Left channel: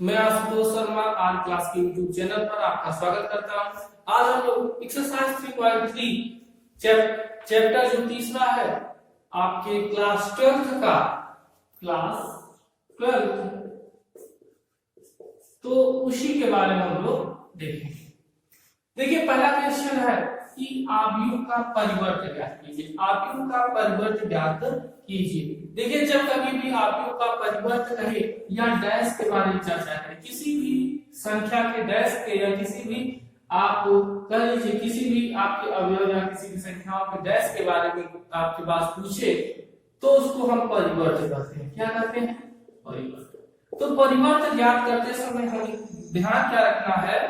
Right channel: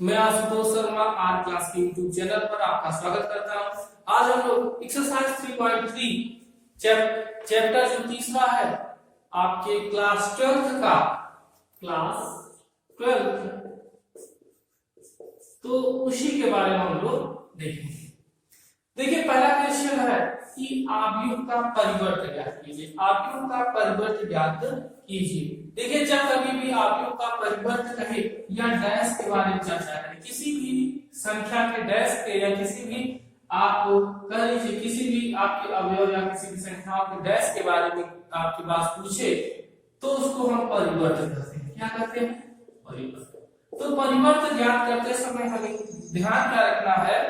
मैं Ashutosh Sharma are class के YouTube channel पर आपका स्वागत करता हूं। आज हम लोग एक्सरसाइज 3.3 चैप्टर जो तीसरा है आपके क्लास 12 का तो उसी के बारे में हम लोग देखेंगे। देखिए पहला क्वेश्चन है कि आव्यूह का परिवर्त ज्ञात कीजिए। आव्यूह का परिवर्त ज्ञात कीजिए। देखिए जब कभी भी आव्यूह का परिवर्त कहे या डैश के बारे में चर्चा करें, किसी भी संख्या के डैश के या किसी भी आप कह लीजिए किसी भी आपके अवयव या किसी भी संख्याओं के डैश के बारे में आपके पास पूछे तो उसको हम परिवर्त कहते हैं। क्या कहते हैं? परिवर्त। तो परिवर्त ज्ञात करते समय हमें ध्यान क्या रखना है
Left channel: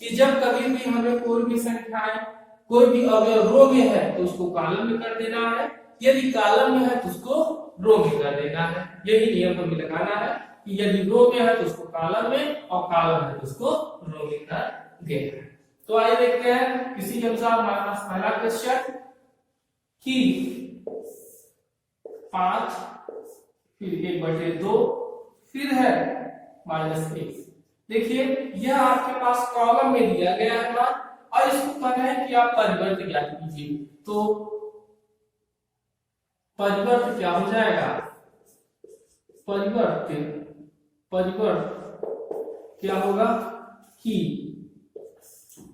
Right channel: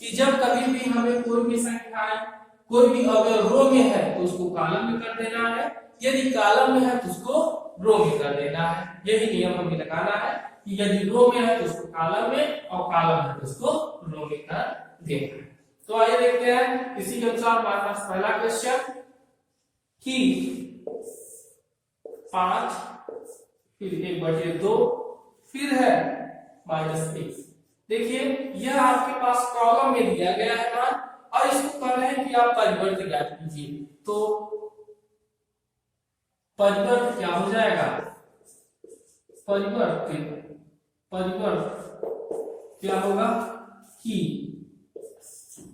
कि जब कभी भी हमें कोई भी संख्याएं कोई भी अवयव रो में है तो उसको कॉलम में कर देना है, यदि कॉलम में है तो उसको रो में कर देना है। यही नियम हमें लगाना है कि यदि रो में है तो उसको कॉलम में और कॉलम है तो उसको रो में कर देना है। तो आइए देखते हैं इसी के अनुसार हमारे पास पहला क्वेश्चन कि 5 फिर 1/2 फिर है -1। देखिए यह आपके पास कॉलम में दिया गया है मान और इसको कहना है कि आप परिवर्त ज्ञात कीजिए। तो परिवर्त क्या हो जाएगा? परिवर्त क्या होगा कि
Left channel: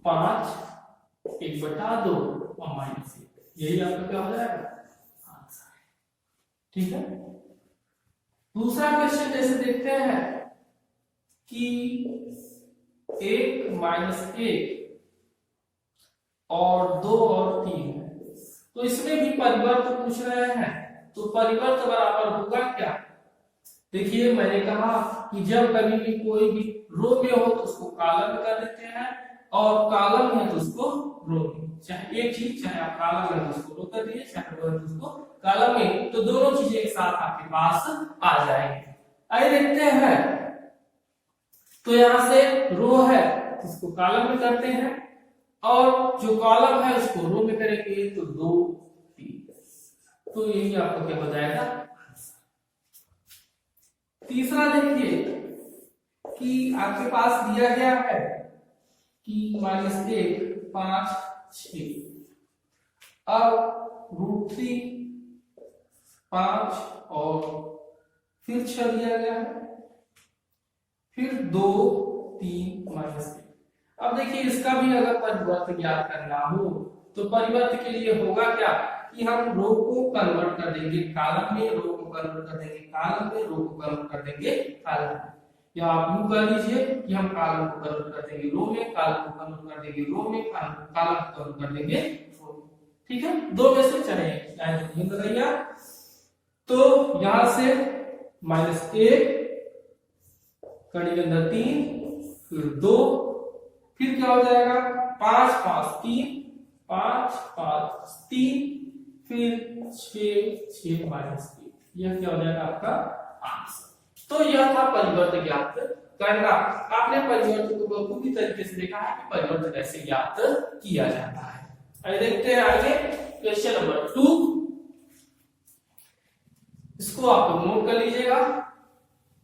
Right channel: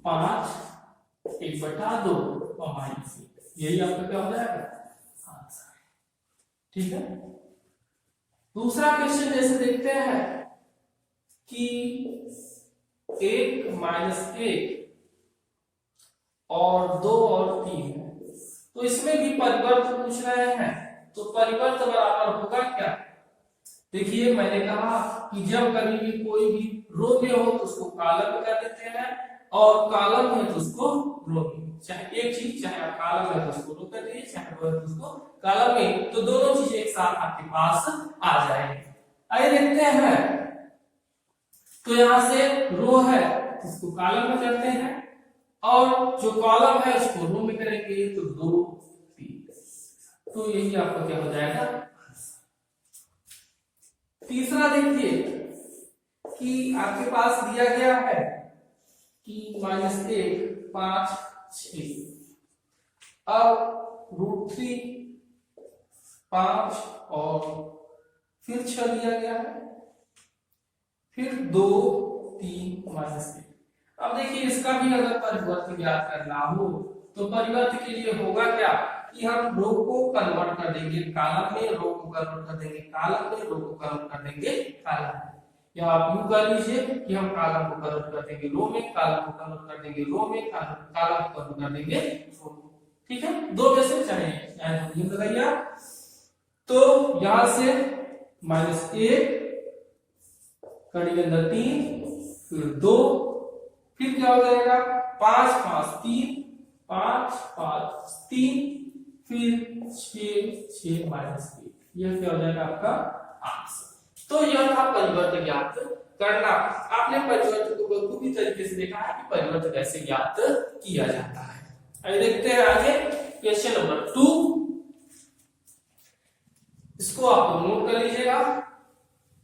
5 1/2 और -1, यही आपका क्या हो जाएगा आंसर। ठीक है। दूसरा क्वेश्चन जैसे देखते हैं कि 1 - 1 और 2 और 3 है, तो इसमें भी परिवर्त पूछ रहे हैं। तो परिवर्त बराबर होगा क्या? देखिए मैंने कहा कि जब कभी भी कोई भी रो में हो तो उसको कॉलम में कर देते हैं और कॉलम में तो उसको रो में, चाहे एक चीज चाहे आप कॉलम में तो उसको रो कर दिए चाहे रो में तो उसको कॉलम में, तो दोनों चीजें एक साथ आपके पास आ जाएंगी। आइए देखते हैं। तो यहां से रो है इसको कॉलम में करते हैं और जो कॉलम है उसको रो में करेंगे तो 2 3, तो यही आपको क्या हो जाएगा। तीसरा देखिए कि आपके पास दिया गया है कि -1 5 6, अब √3 5 और फिर 6 दिया गया है, फिर 2 3 -1। अब देखिए इसका भी अगर परिवर्त ज्ञात करना हो तो परिवर्त के लिए होगा क्या कि हम रो को कन्वर्ट कर देंगे कॉलम में, रो को कन्वर्ट कर देंगे कॉलम में, रो को कन्वर्ट कर देंगे कॉलम में, या आप यूं कर लीजिए कि हम कॉलम को कन्वर्ट कर देंगे रो में, कॉलम को कन्वर्ट कर देंगे रो में, कॉलम को कन्वर्ट कर देंगे रो में। ठीक है, दो में से चाहे गिन लगाइए। तो यहां से -1 कड़ी के अंदर 3 फिर 2 फिर क्या हो जाएगा 5 5 3 5 5 3 फिर 6 6 -3, यह क्या हो जाएगा आपका आंसर। तो यह था परिवर्त ज्ञात करना। आपने परिवर्त को बखूबी तरीके से देखा है कि परिवर्त कैसे ज्ञात किया जाता है। आइए देखते हैं आगे क्वेश्चन नंबर 2। इसको आप नोट कर लीजिएगा।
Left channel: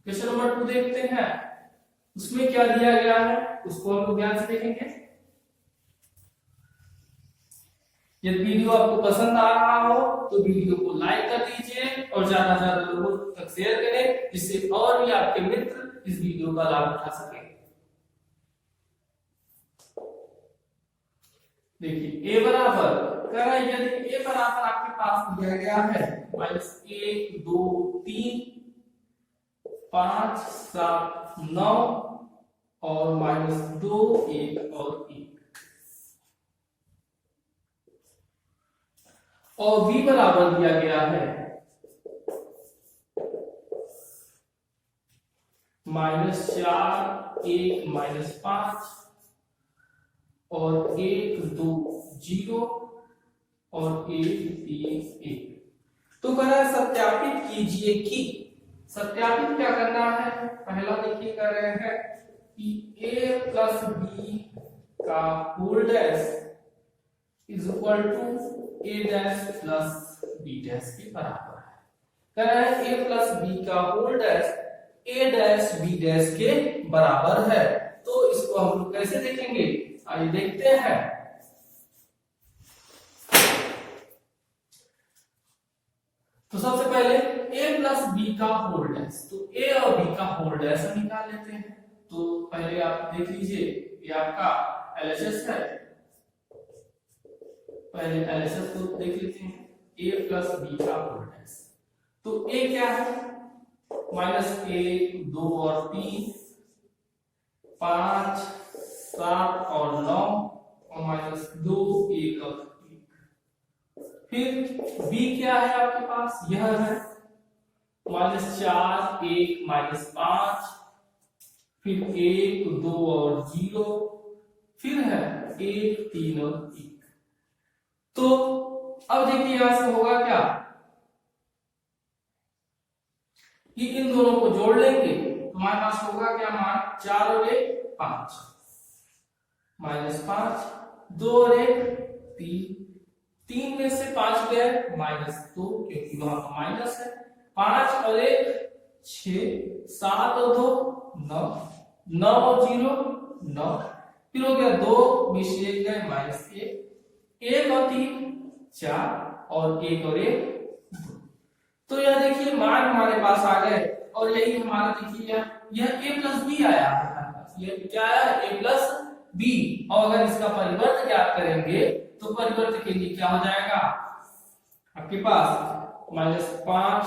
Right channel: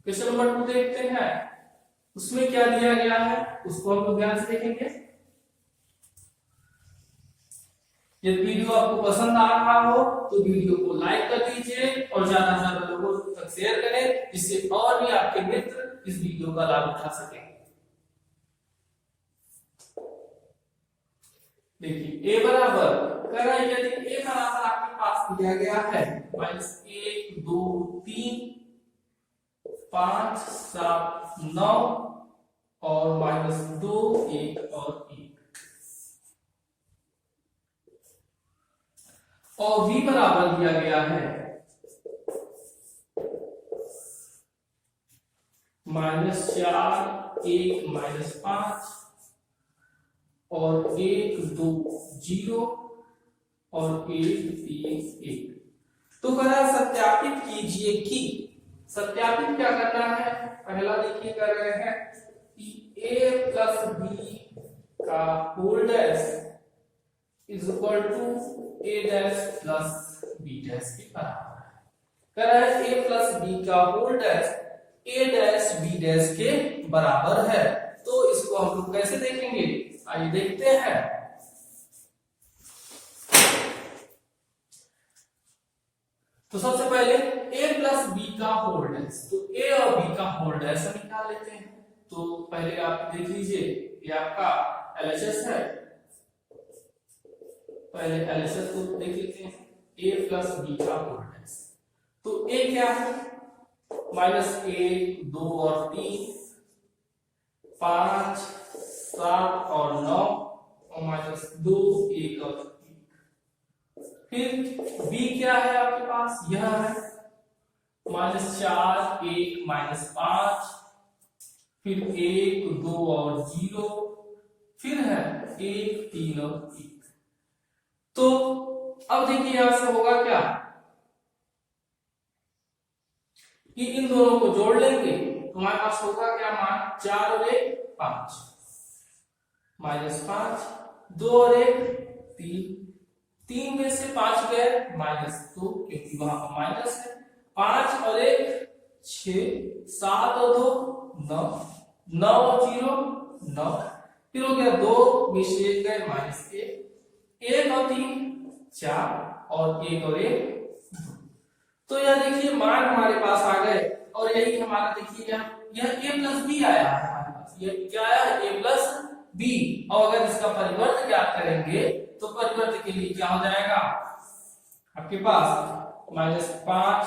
क्वेश्चन नंबर 2 देखते हैं, उसमें क्या दिया गया है उसको हम लोग ध्यान से देखेंगे। यदि वीडियो आपको पसंद आ रहा हो तो वीडियो को लाइक कर दीजिए और ज्यादा से ज्यादा लोगों तक शेयर करें जिससे और भी आपके मित्र इस वीडियो का लाभ उठा सकें। देखिए a बराबर कह रहा है, यदि a बराबर आपके पास दिया गया है -1 2 3 5 7 9 और -2 1 और 1, और v बराबर दिया गया है -4 1 -5 और 1 2 0 और 1 3 1। तो करा सत्यापित कीजिए कि, सत्यापित क्या करना है, पहला देखिए कर रहे हैं कि a प्लस b का whole dash is equal to a dash plus b dash के बराबर है। कह रहा है a प्लस b का whole dash A dash B dash के बराबर है। तो इसको हम लोग कैसे देखेंगे, आइए देखते हैं। तो सबसे पहले a प्लस बी का होल डैश, तो a और b का होल डैश हम निकाल लेते हैं। तो पहले आप देख लीजिए, ये आपका LHS है, पहले LHS को देख लेते हैं, a प्लस बी का होल डैश। तो a क्या है, -1 2 और 3 5 7 और 9 और -2 1 और 1। फिर b क्या है आपके पास, यह है -4 1 -5, फिर 1 2 और 0, फिर है 1 3 और 1। तो अब देखिए यहां से होगा क्या कि इन दोनों को जोड़ लेंगे तो हमारे पास होगा क्या मान, 4 और 1 5, -5 2 और 1 3, 3 में से 5 गए -2 क्योंकि वहां माइनस है, 5 और 1 6, 7 और 2 9, 9 और 0 9, फिर हो गया 2 में से गए -1, 1 और 3 4 और 1 और 1 2। तो यह देखिए मान हमारे पास आ गए और यही हमारा देखिए यह a प्लस बी आया है हमारे पास, यह क्या आया है a प्लस बी। और अगर इसका परिवर्त ज्ञात करेंगे तो परिवर्त के लिए क्या हो जाएगा आपके पास, -5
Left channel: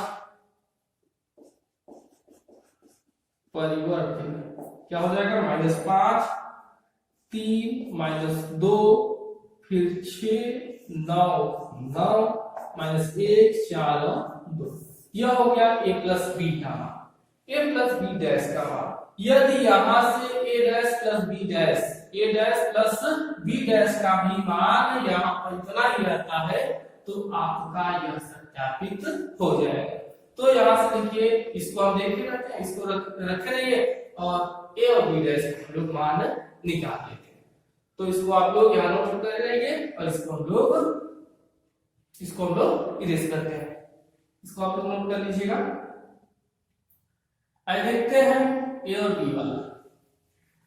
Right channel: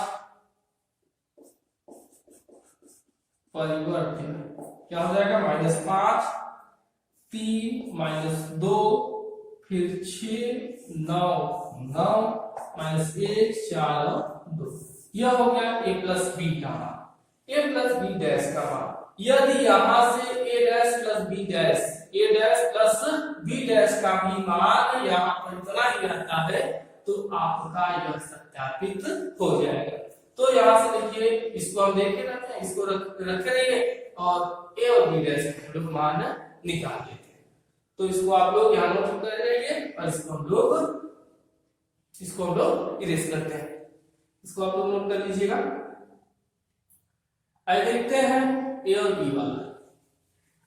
परिवर्त क्या हो जाएगा, -5 3 -2 फिर 6 9 9 -1 4 2। यह हो गया a प्लस बी का मान, a प्लस बी डैश का मान। यदि यहां से a dash plus B dash, a dash plus B dash का भी मान यहाँ पर इतना ही आता है तो आपका यह सत्यापित हो जाएगा। तो यहाँ से देखिए इसको हम देखे रहते हैं, इसको रखे रहिए और a और b डैश हम लोग मान निकाल देते हैं। तो इसको आप लोग यहाँ नोट कर रहिए और इसको हम लोग इरेज करते हैं। इसको आप लोग नोट कर लीजिएगा। आइए देखते हैं a और b वाला।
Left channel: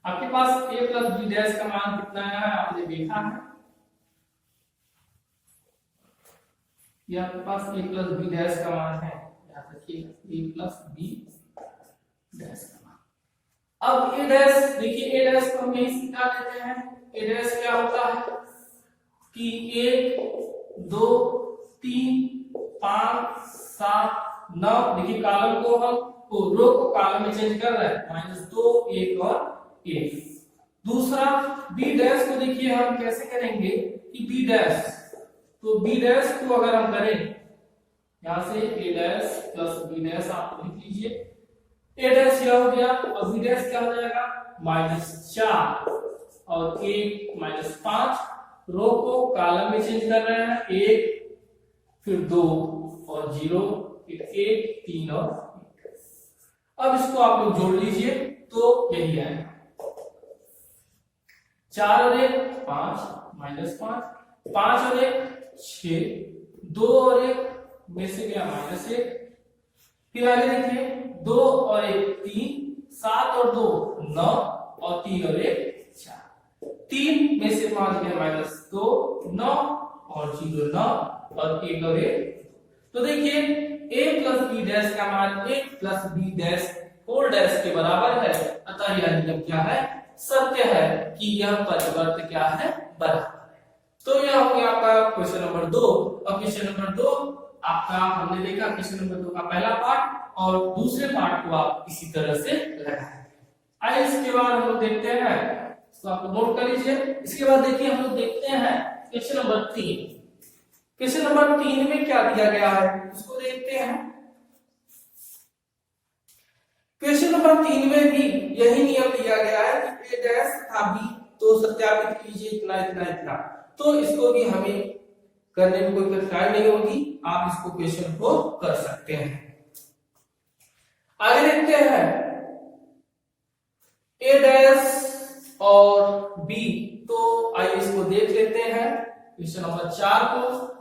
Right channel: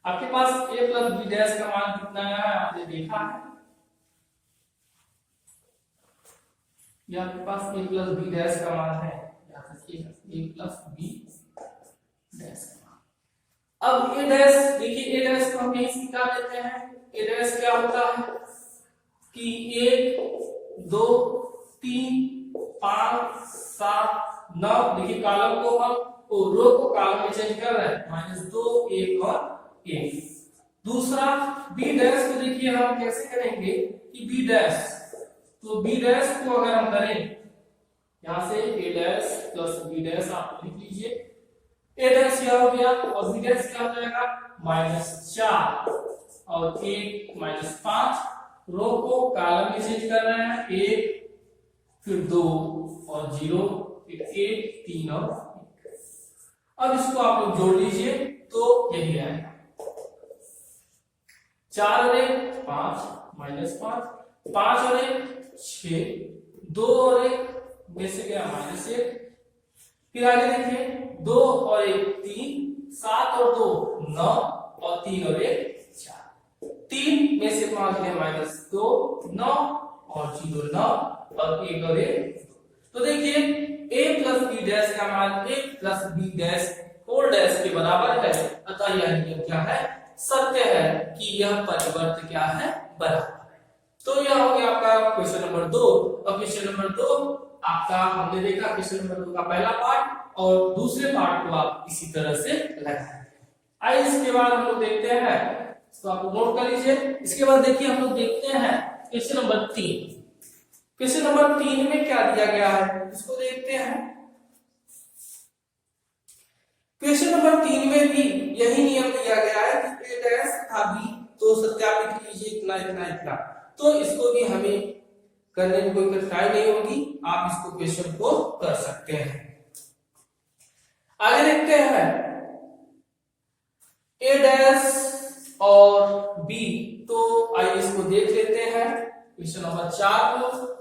आपके पास a प्लस बी डैश का मान कितना आया है, आपने देखा है, ये आपके पास a प्लस बी डैश का मान है, याद रखिए a प्लस बी डैश का मान। अब a डैश देखिए, a डैश को हम यहीं से निकाल लेते हैं। a डैश क्या होता है कि 1 2 3 5 7 9, देखिए कॉलम को हम रो को कॉलम में चेंज कर रहे हैं, -2 1 और 1। दूसरा बी डैश को देखिए हम कैसे करेंगे कि बी डैश, तो बी डैश को अगर हम करें यहां से a dash plus B dash आप लिख लीजिए, a डैश यह हो गया और बी डैश क्या हो जाएगा, -4 और 1 -5, रो को कॉलम में चेंज कर रहे हैं, 1 फिर 2 और 0 फिर 1 3 और 1। अब इसको आप लोग जोड़ लीजिए तो यही आएगा, 4 और 1 5 -5, 5 और 1 6, 2 और 1 में से गया -1, फिर आगे देखिए 2 और 1 3, 7 और 2 9 और 3 और 1 4, 3 में से 5 गया -2 9 और 0 9 और 1 और 1। तो देखिए a प्लस बी डैश का मान a plus B dash whole dash के बराबर है, अतः यह नियम क्या है, सत्य है कि यह परिवर्त क्या है, बराबर है। तो यह हो गया आपका क्वेश्चन नंबर 2। और क्वेश्चन नंबर 2 आपका हमने देखा, क्वेश्चन नंबर 2 का पहला पार्ट और दूसरे पार्ट को आप इसी तरह से लगाएंगे। आइए इसके बाद हम लोग देखते हैं, इसको आप नोट कर लीजिए। इसके बाद देखिए हम लोग देखते हैं क्वेश्चन नंबर 3। क्वेश्चन नंबर 3 में क्या दिया गया है इसको देखते हैं। क्वेश्चन नंबर 3 में भी यही नियम दिया गया है कि a डैश तथा b तो सत्यापित कीजिए इतना इतना इतना। तो इसको भी हमें करने में कोई कठिनाई नहीं होगी, आप इसको क्वेश्चन को कर सकते हैं। आगे देखते हैं a डैश और b, तो आइए इसको देख लेते हैं क्वेश्चन नंबर 4 को।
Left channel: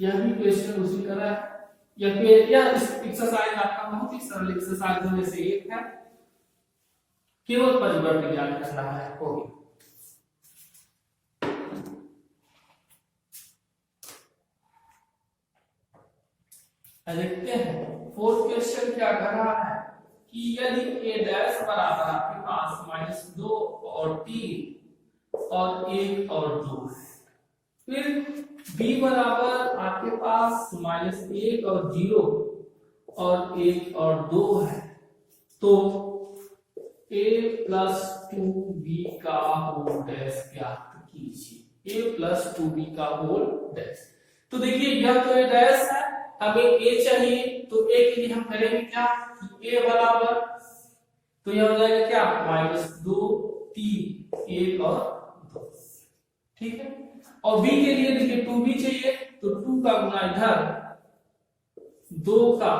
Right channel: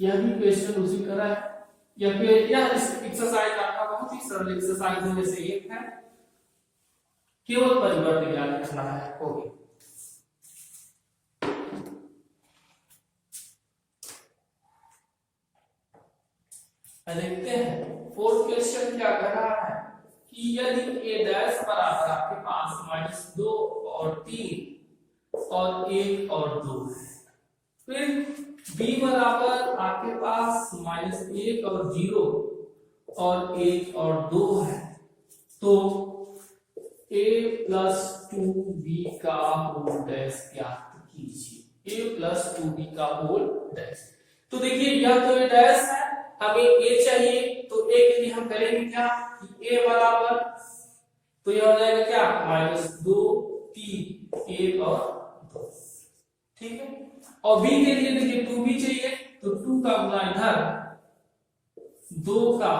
यह भी क्वेश्चन उसी तरह है, या फिर यह एक्सरसाइज आपका बहुत ही सरल एक्सरसाइज में से एक है, केवल परिवर्त ज्ञात करना है। हो गया। देखते हैं फोर्थ क्वेश्चन क्या कह रहा है कि यदि a डैश बराबर आपके पास -2 और 3 और 1 और 2 है, फिर b बराबर आपके पास -1 और 0 और 1 और 2 है, तो a प्लस 2b का होल डैश ज्ञात कीजिए। a प्लस 2b का होल डैश। तो देखिए यह तो डैश है, हमें a चाहिए, तो a के लिए हम करेंगे क्या, a बराबर, तो यह हो जाएगा क्या -2 3 1 और 2, ठीक है। और b के लिए देखिए 2b चाहिए, तो 2 का गुना इधर, 2 का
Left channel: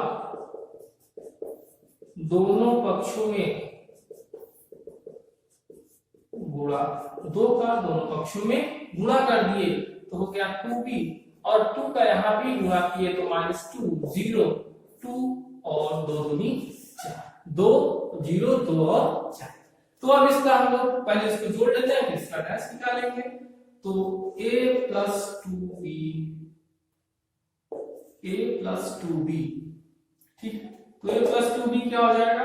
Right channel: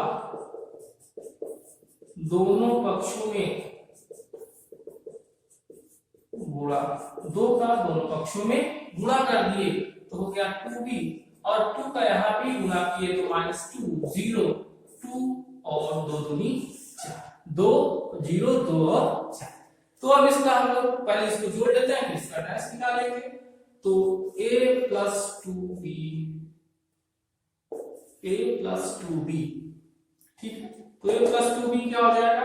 दोनों पक्षों में गुणा, 2 का दोनों पक्षों में गुणा कर दिए तो हो गया 2b, और 2 का यहाँ भी गुणा किए तो -2 0 2 और 2 दूनी 4, 2 0 2 और 4। तो अब इसका हम लोग पहले इसको जोड़ लेते हैं, फिर इसका डैश निकालेंगे। तो a प्लस 2b, ठीक है। तो a प्लस 2b क्या हो जाएगा,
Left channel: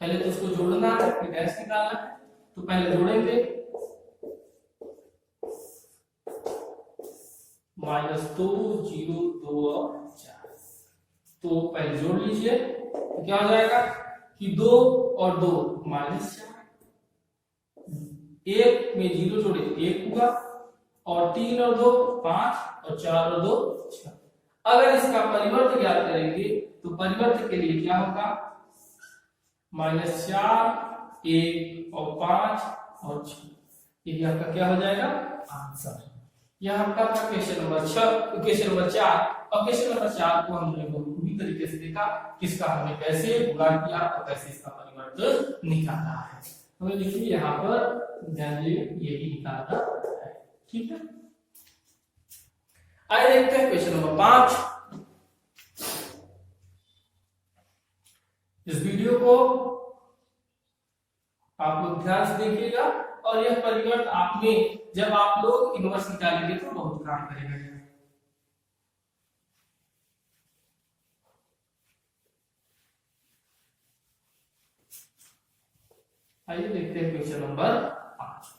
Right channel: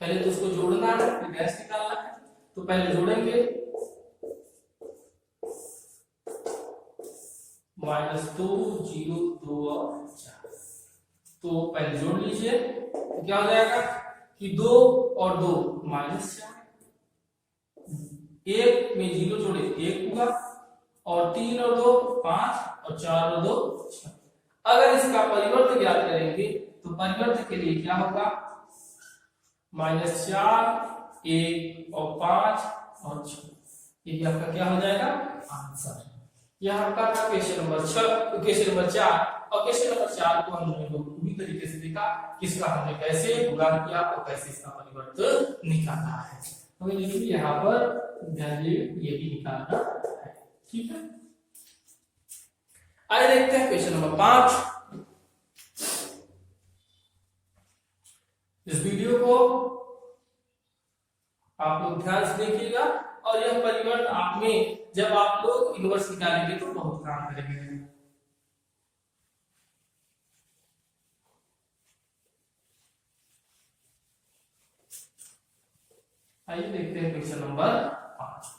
पहले तो इसको जोड़ना है फिर डैश निकालना है। तो पहले जोड़ेंगे -2 0 2 और 4, तो पहले जोड़ लीजिए, तो क्या हो जाएगा कि 2 और 2 -4, 1 में 0 जोड़े 1 हुआ, और 3 और 2 5, और 4 और 2 6। अगर इसका परिवर्त ज्ञात करेंगे तो परिवर्त के लिए क्या होगा, -4 1 और 5 और 6, ये आपका क्या हो जाएगा आंसर। यह आपका था क्वेश्चन नंबर 6, क्वेश्चन नंबर 4। और क्वेश्चन नंबर 4 को हमने पूरी तरीके से देखा, किसका हमने कैसे गुणा किया और कैसे इसका परिवर्तन निकाला है। तो देखिए यहाँ पर ध्यान ये भी निकालना है, ठीक है। आइए देखते हैं क्वेश्चन नंबर 5। इस वीडियो को आप लोग ध्यान से देखिएगा, और यह परिवर्तन आप में जब आप लोग इनवर्स निकालेंगे तो बहुत काम करेंगे। आइए देखते हैं क्वेश्चन नंबर 5।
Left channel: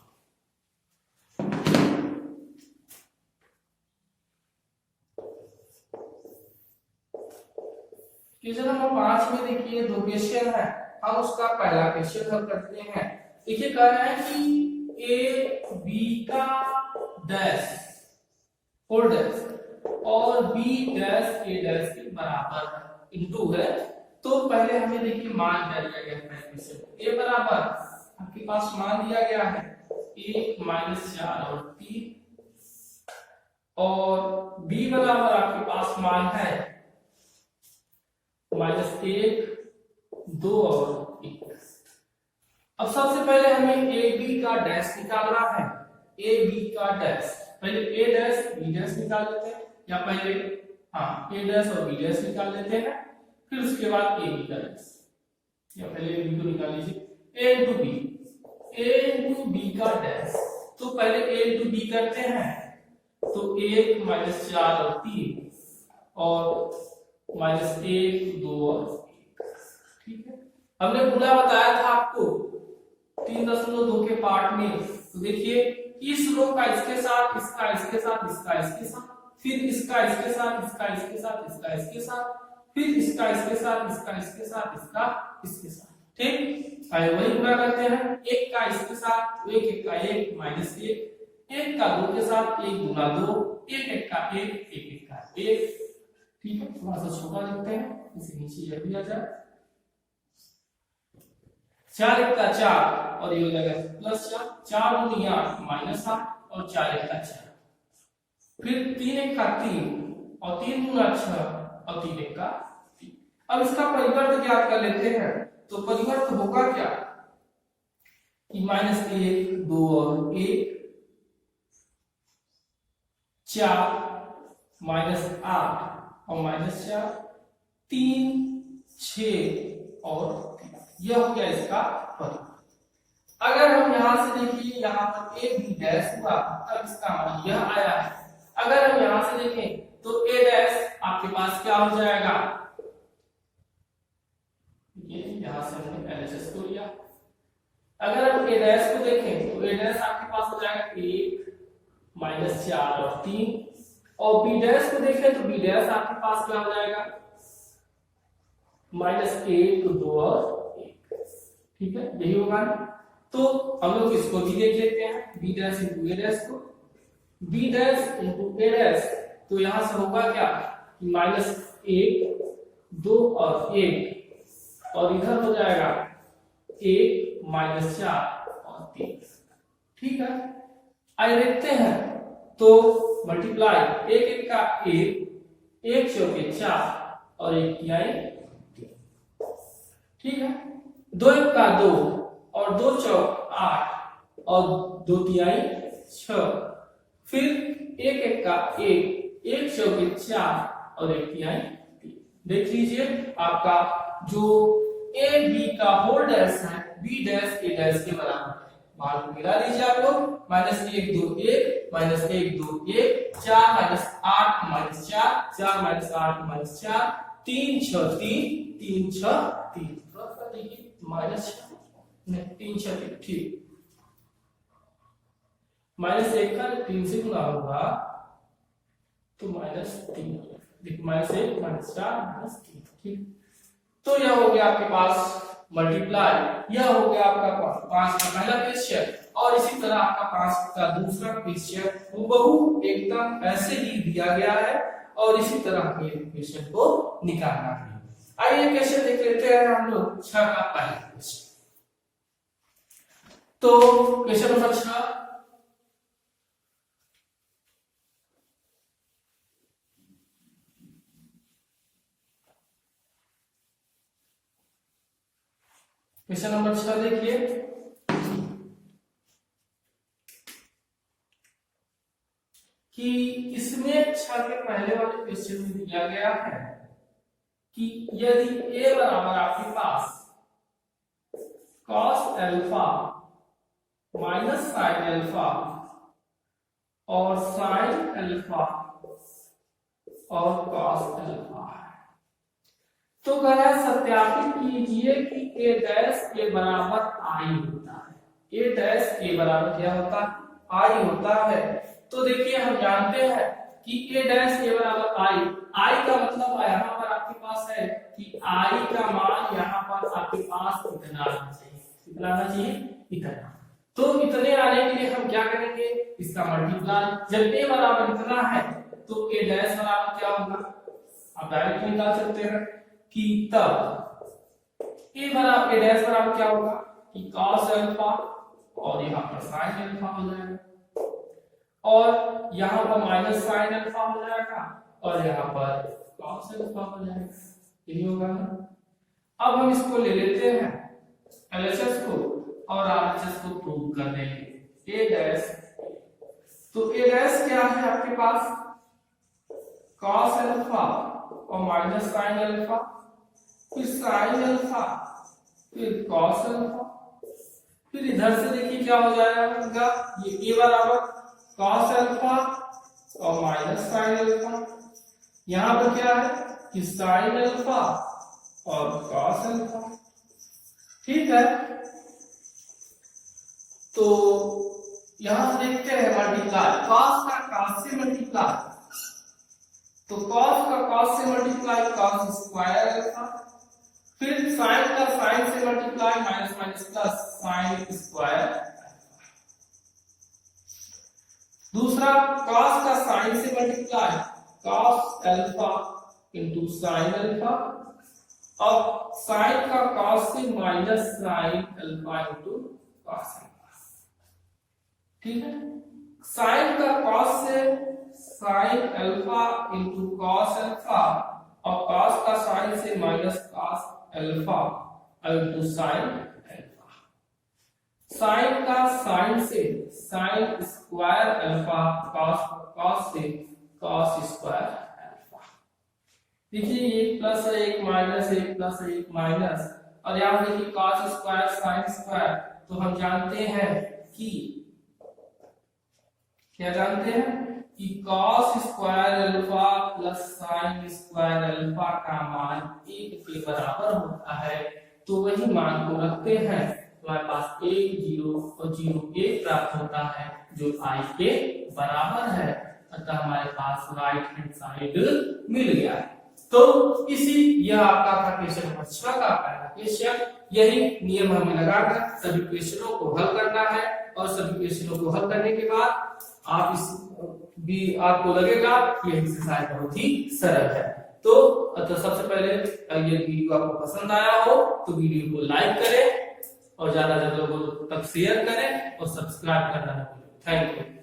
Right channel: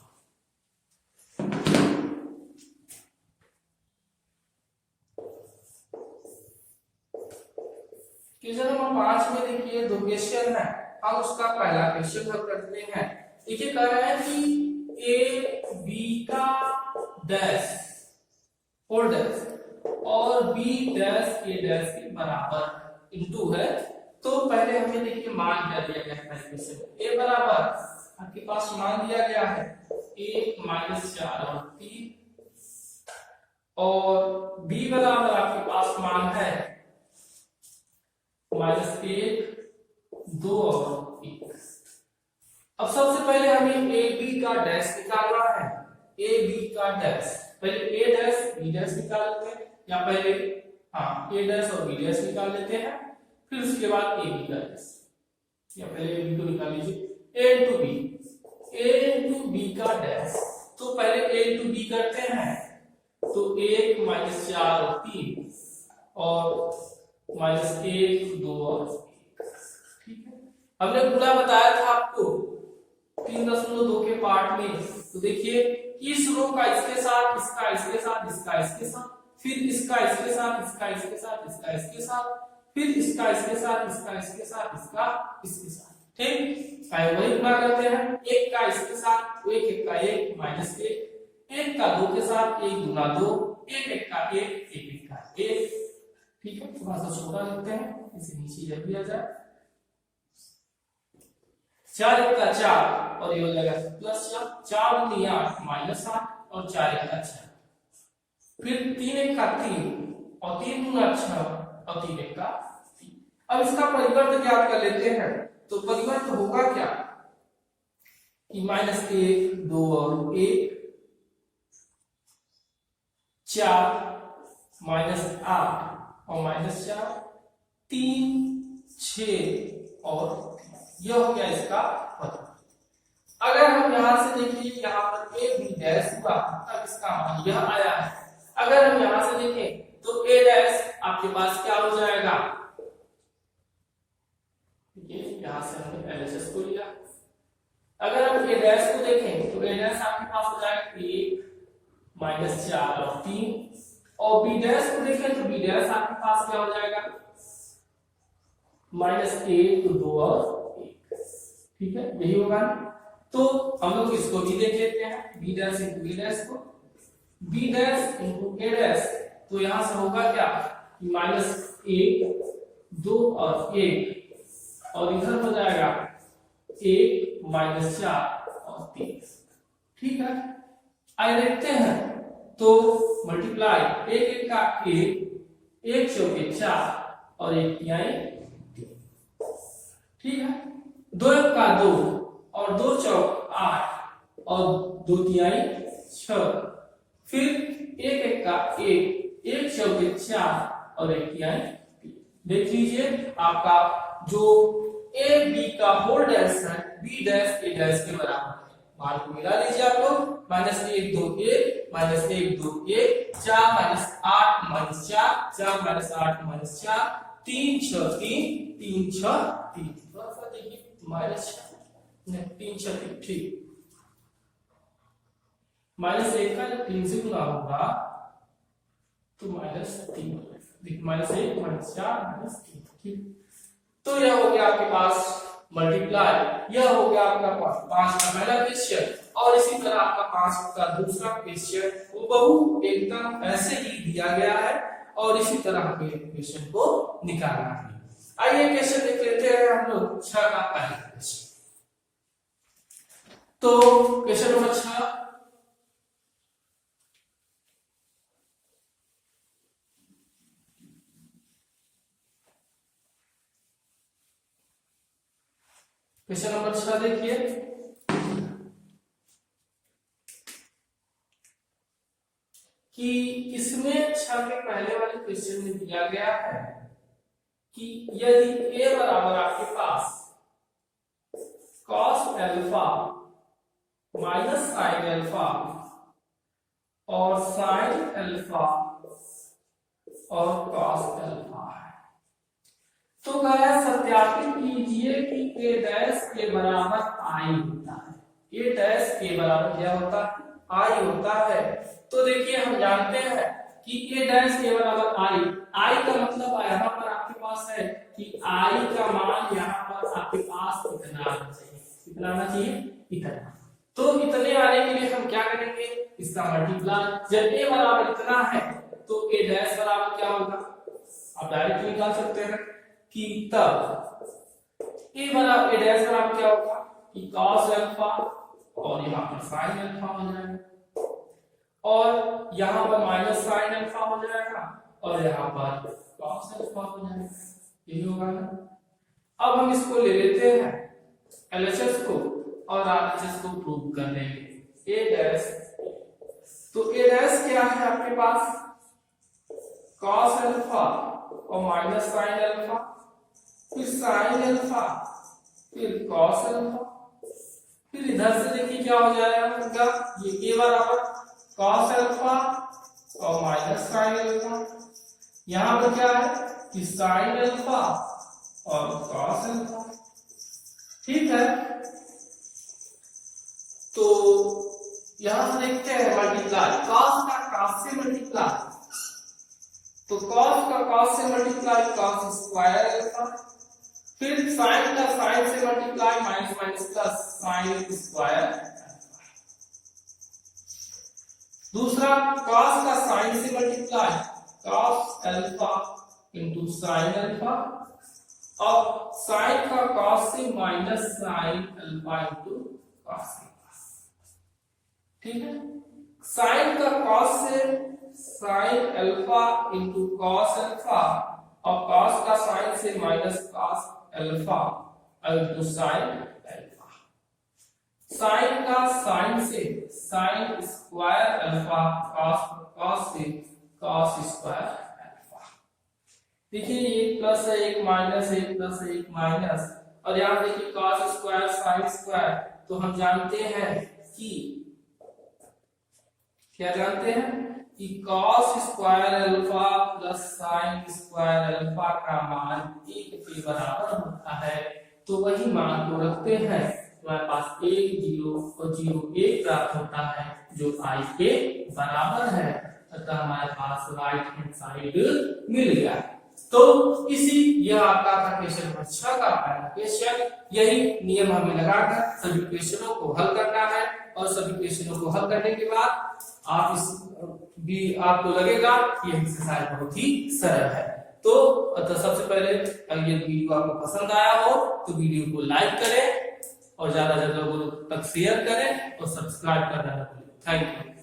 क्वेश्चन नंबर 5 में देखिए 2 क्वेश्चन है, हम उसका पहला क्वेश्चन हल करते हैं। देखिए कह रहा है कि a b का डैश होल डैश और b डैश a डैश के बराबर इनटू है। तो पहले हमें देखिए मान क्या दिया गया है, क्वेश्चन a बराबर आपके पास मान दिया गया है 1 -4 और 3, और b बराबर आपके पास मान है -1 2 और 1। अब सबसे पहले हमें ए बी का डैश निकालना है, ए बी का डैश, पहले ए डैश बी डैश निकाल लेते हैं, या पहले ए डैश और बी डैश निकाल लेते हैं, फिर उसके बाद ए बी का डैश, या पहले ए बी को निकाल लीजिए। ए इंटू बी का डैश, तो पहले ए इंटू बी करते हैं, तो 1 -4 और 3 और -1 2 और 1, ठीक है। हमने पूरा बताया था आपको 3.2 के पार्ट में। तो देखिए इस रो का इसके साथ, इसका इसके साथ, इसका इसके साथ, फिर इसका इसके साथ, इसका इसके साथ, इसका इसके साथ, फिर इसका इसके साथ, इसका इसके साथ, इसका इसके साथ, ठीक। आइए वही गुना करते हैं, 1 का इसके साथ, 1 1 का 1 -1, 1 का 2 के साथ 1 गुना 2, 1 1 का 1 1 1 का 1, ठीक है। थोड़ा सा छोटा लिखते हैं, इसे नीचे जब भी आ जाए, 4 1 का 4 और ये हो जाएगा +4, 4 दूनी 8 -8 और 4 1 का 6, फिर 3 1 का 3 और 3 दूना 6 और 3 1 का 3। अब इसका परिवर्त ज्ञात कर लेते हैं। तो परिवर्त होगा क्या कि -1 2 और 1 4 -8 और -4, 3, 6 और 3। यह हो गया इसका परिवर्त। अगर हम यहां से देखिए, यहाँ पर a b डैश हुआ, तब इसका मान यह आया है। अगर हम यहां से देखें तो a डैश आपके पास क्या हो जाएगा, ये यहां से हमने LHS को लिया। अगर हम a डैश को देखें तो a डैश आपके पास हो जाएगा 1 -4 और 3, और b डैश को देखें तो b डैश आपके पास क्या हो जाएगा, -1 2 और 1। ठीक है, यही होगा ना। तो हम लोग इसको भी देख लेते हैं, b dash into a dash को, b dash into a dash, तो यहां से होगा क्या कि -1 2 और 1, और इधर हो जाएगा 1 -4 और 3। ठीक है, आइए देखते हैं। तो मल्टीप्लाई 1 1 का 1, 1 चौके 4 और 1 तिहाई 3। ठीक है, 2 1 का 2 और 2 चौक 8 और 2 तिहाई 6। फिर 1 1 का 1, 1 चौके 4 और 1 तिहाई 3। देख लीजिए आपका जो a b का होल डैश है, b डैश a डैश के बराबर है। मान को मिला लीजिए आप लोग, -1 2 1 -1 2 1 4 -8 -4 4 -8 -4 3 6 3 3 6 3। थोड़ा सा देखिए -3 6 3। ठीक, -1 का जब 3 से गुणा होगा तो -3 हो जाएगा। देखिए -1 -4 -3। ठीक, तो यह हो गया आपके पास मल्टीप्लाई, यह हो गया आपका 5 का पहला क्वेश्चन। और इसी तरह आपका 5 का दूसरा क्वेश्चन हूबहू एकदम ऐसे ही दिया गया है, और इसी तरह हमें क्वेश्चन को निकालना है। आइए क्वेश्चन देख लेते हैं हम लोग 6 का पहला क्वेश्चन। तो क्वेश्चन नंबर 6, क्वेश्चन नंबर 6 देखिए, कि इसमें 6 के पहले वाले क्वेश्चन में दिया गया है कि यदि a बराबर आपके पास cos alpha minus sin alpha और sin अल्फा और cos अल्फा है, तो गया सत्यापित कीजिए कि a डैश के बराबर i होता है। a डैश के बराबर क्या होता है, i होता है। तो देखिए हम जानते हैं कि a डैश के बराबर i का मतलब यहाँ पर आपके पास है कि i का मान यहाँ पर आपके पास इतना आना चाहिए। कितना आना चाहिए, इतना। तो इतने आने के लिए हम क्या करेंगे, इसका मल्टीप्लाई। जब a बराबर इतना है तो a डैश बराबर क्या होगा, आप डायरेक्ट निकाल सकते हैं कि तब a बराबर a डैश बराबर क्या होगा कि cos अल्फा और यहाँ पर sin अल्फा हो जाएगा, और यहाँ पर माइनस sin अल्फा हो जाएगा, और यहाँ पर cos अल्फा हो जाएगा। यही होगा ना। अब हम इसको ले लेते हैं LHS को और RHS को प्रूव कर लेंगे। a डैश, तो a डैश क्या है आपके पास, cos अल्फा और माइनस sin अल्फा, फिर sin अल्फा, फिर cos अल्फा, फिर इधर से देखिए क्या हो जाएगा, ये a बराबर cos अल्फा और माइनस sin अल्फा, यहाँ पर क्या है कि sin अल्फा और cos अल्फा। ठीक है, तो यहां से देखते हैं मल्टीप्लाई, cos का cos से मल्टीप्लाई, तो cos का cos से मल्टीप्लाई cos स्क्वायर अल्फा, फिर sin का sin से multiply minus minus plus sin square. दूसरा cos का sin से multiply cos alpha into sin alpha, अब sin का cos से minus sin alpha into cos alpha. ठीक है, sin का cos से sin alpha into cos alpha, और cos का sin से minus cos alpha into sin alpha. sin का sin से sin स्क्वायर अल्फा, cos से cos स्क्वायर अल्फा। देखिए एक प्लस है एक माइनस है, एक प्लस है एक माइनस, और यहाँ देखिए cos स्क्वायर sin स्क्वायर, तो हम जानते हैं कि क्या जानते हैं कि cos square alpha plus sin square alpha का मान 1 के बराबर होता है। तो वही मान को रखते हैं, तो हमारे पास 1 0 और 0 1 प्राप्त होता है जो I के बराबर है। अतः हमारे पास राइट हैंड साइड मिल गया। तो इसी यह आपका था क्वेश्चन नंबर 6 का पहला क्वेश्चन। यही नियम हमें लगाकर सभी क्वेश्चनों को हल करना है, और सभी क्वेश्चनों को हल करने के बाद आप इस भी आपको लगेगा कि यह एक्सरसाइज बहुत ही सरल है। तो सबसे पहले अगर ये वीडियो आपको पसंद आया हो तो वीडियो को लाइक करें और ज्यादा लोगों तक शेयर करें और सब्सक्राइब करना ना भूलें। Thank you.